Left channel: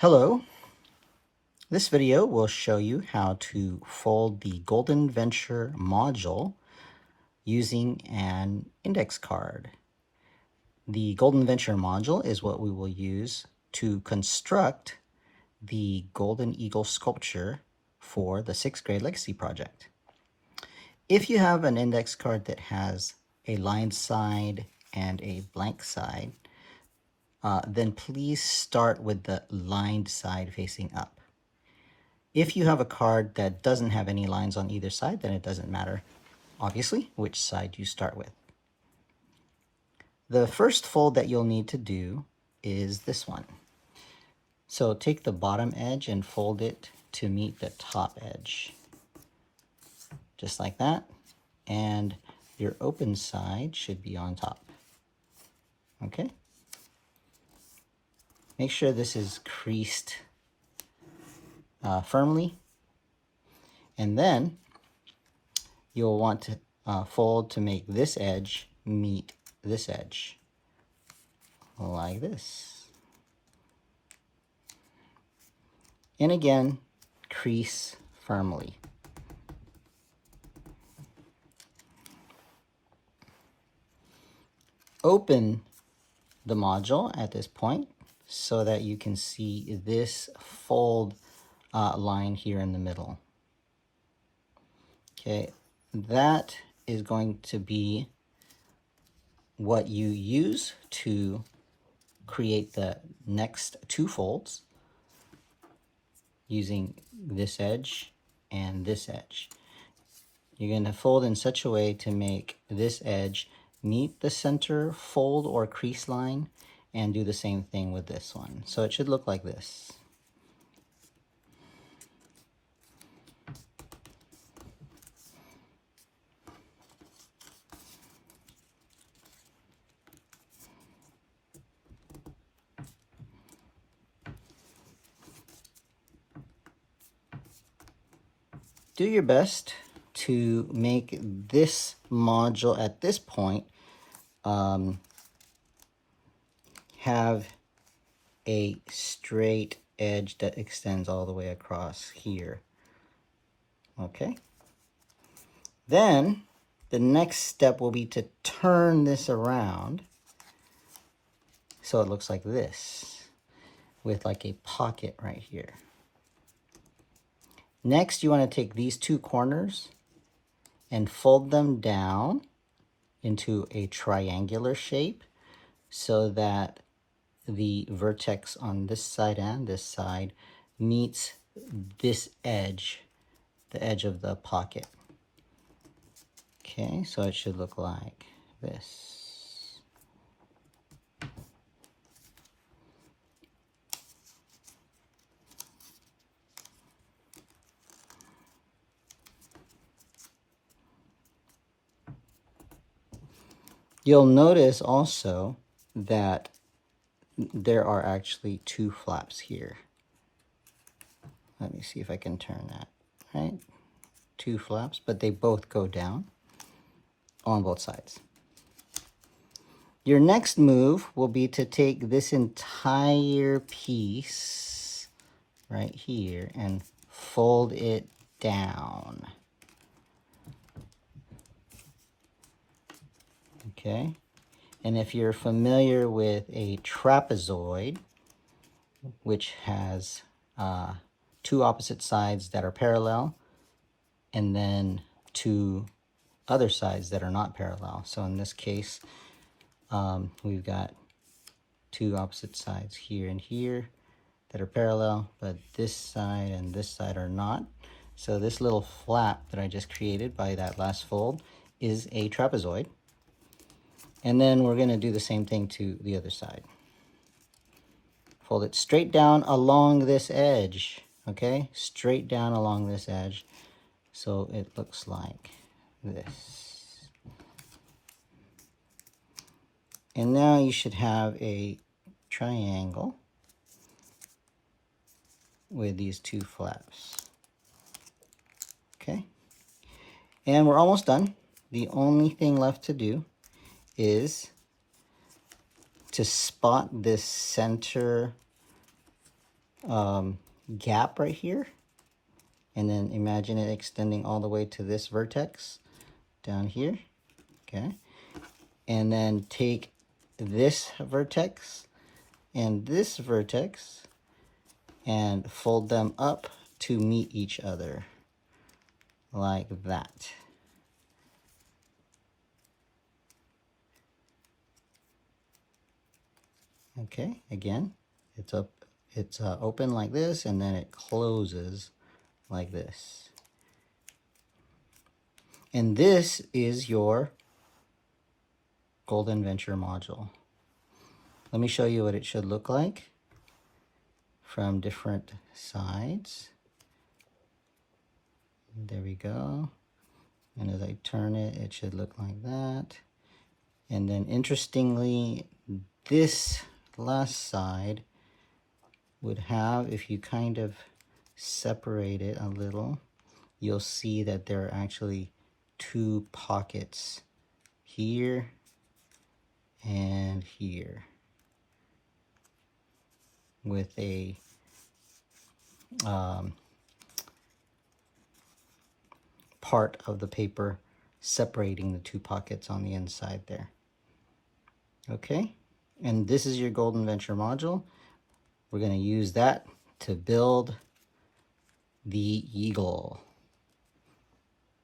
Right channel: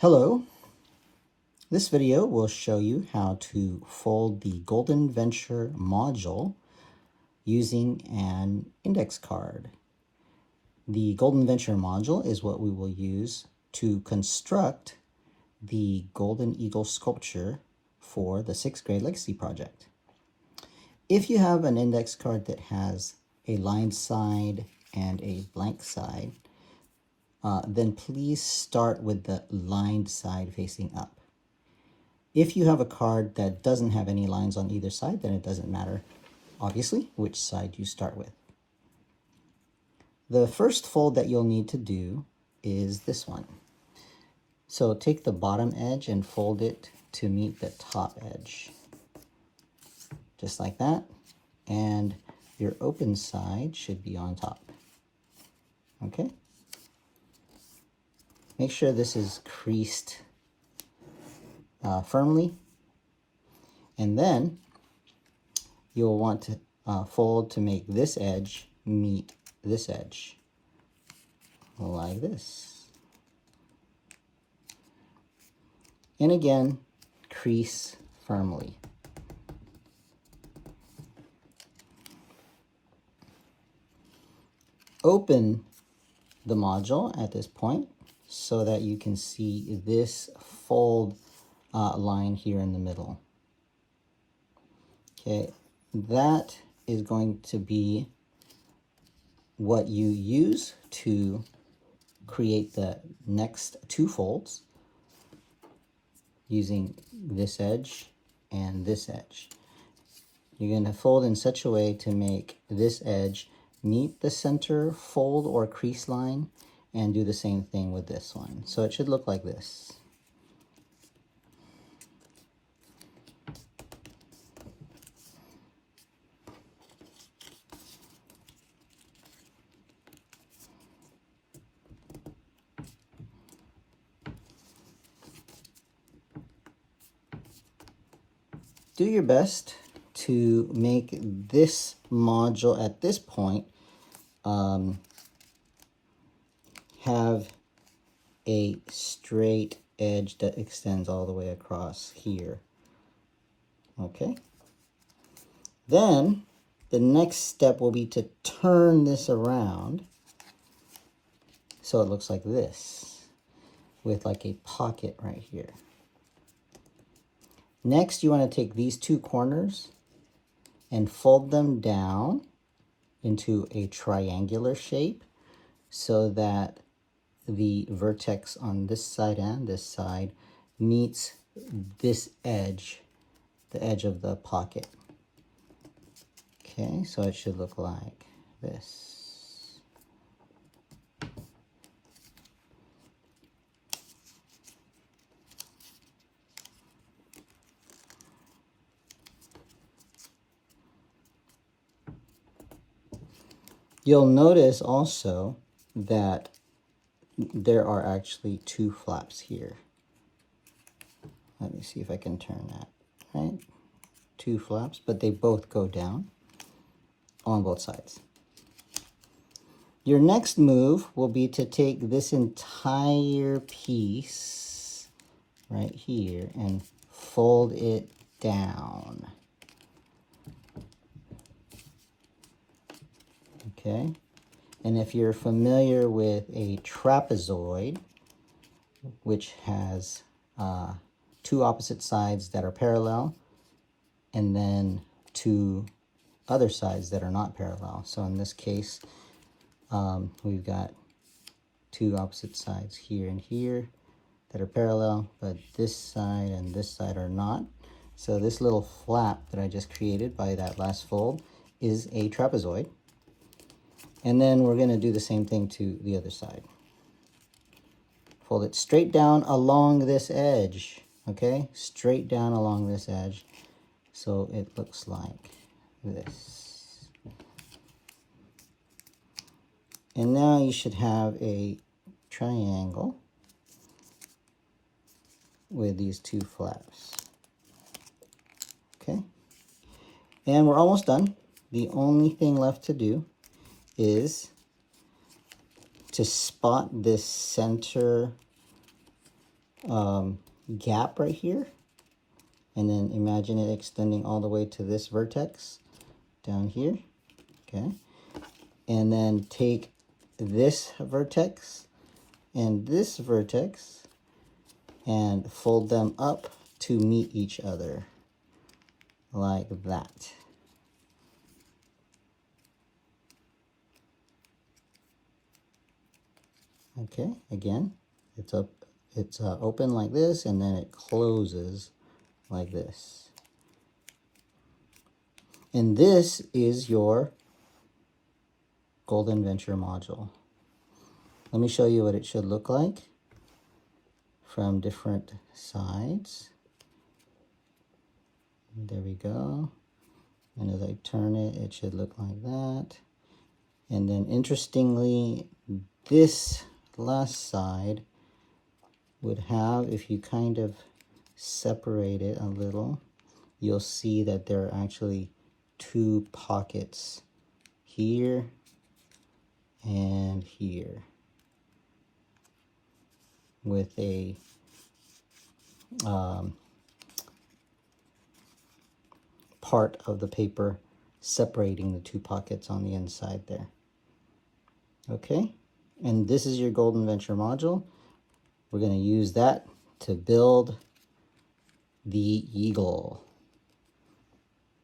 Hello, this video will show you how to fold the Golden Venture module using an index card. The Golden Venture module is what we will use to construct the Golden Eagle sculpture for the 6th grade legacy project. If you have an index card that has a lined side and a blank side, then please start with the lined side facing up. If you have a card that doesn't have any lines on either side, then it doesn't matter, obviously, which side you start with. The first fold that you'll need to do is this one. So take the bottom edge and fold it to meet the top edge, just like that. And your open side should be on top, okay? Make sure this is creased firmly, and then you'll want to fold to make this edge meet this edge, like this. And again, crease firmly. Open the module at this point so that you can see this fold line here in the middle. Okay, that is going to be what you use to create the next two folds using this edge and this edge. You're going to fold in such a way to make this edge meet the center fold or crease line, and do the same thing with this one. So it should look like this. Do your best to make this module at this point have a straight edge that extends all the way across here. Okay. Then the next step will be to turn this around so it looks like this, with like a pocket right here. Next, you want to take these two corners and fold them down into a triangular shape so that the vertex on this side and this side meets this edge, the edge of the pocket. Okay, so it should look like this. You'll notice also that there are actually two flaps here. Let me see if I can turn that, right? Two flaps, but they both go down on both sides. Your next move will be to take this entire piece right here and fold it down. Okay, and if you're familiar with a trapezoid, which has two opposite sides that are parallel, and then two other sides that are not parallel. So in this case, we've got two opposite sides here and here that are parallel, but this side and this side are not. So this little flap that I just created by that last fold is a trapezoid. And then we're going to do the same thing to the other side. Fold it straight down along this edge, okay? Straight down along this edge, so it looks like this. And now you should have a triangle with these two flaps, okay? And we're almost done. The only thing left to do is to spot this center gap right here, and then imagine it extending all the way to this vertex down here. Okay, and then take this vertex and this vertex and fold them up to meet each other like that. Okay, again, it's up, it's open like this, and then it closes like this. And this is your Golden Venture module. Let me show you what it should look like from different sides. There we go. And as I turn it, it should look like that. And then interestingly, this last side would have, if you kind of separate it a little, you'll see that there are actually two pockets here and here with a part of the paper separating the two pockets on the inside there. Okay, and this is your Golden Venture module. We're going to use that to build the eagle.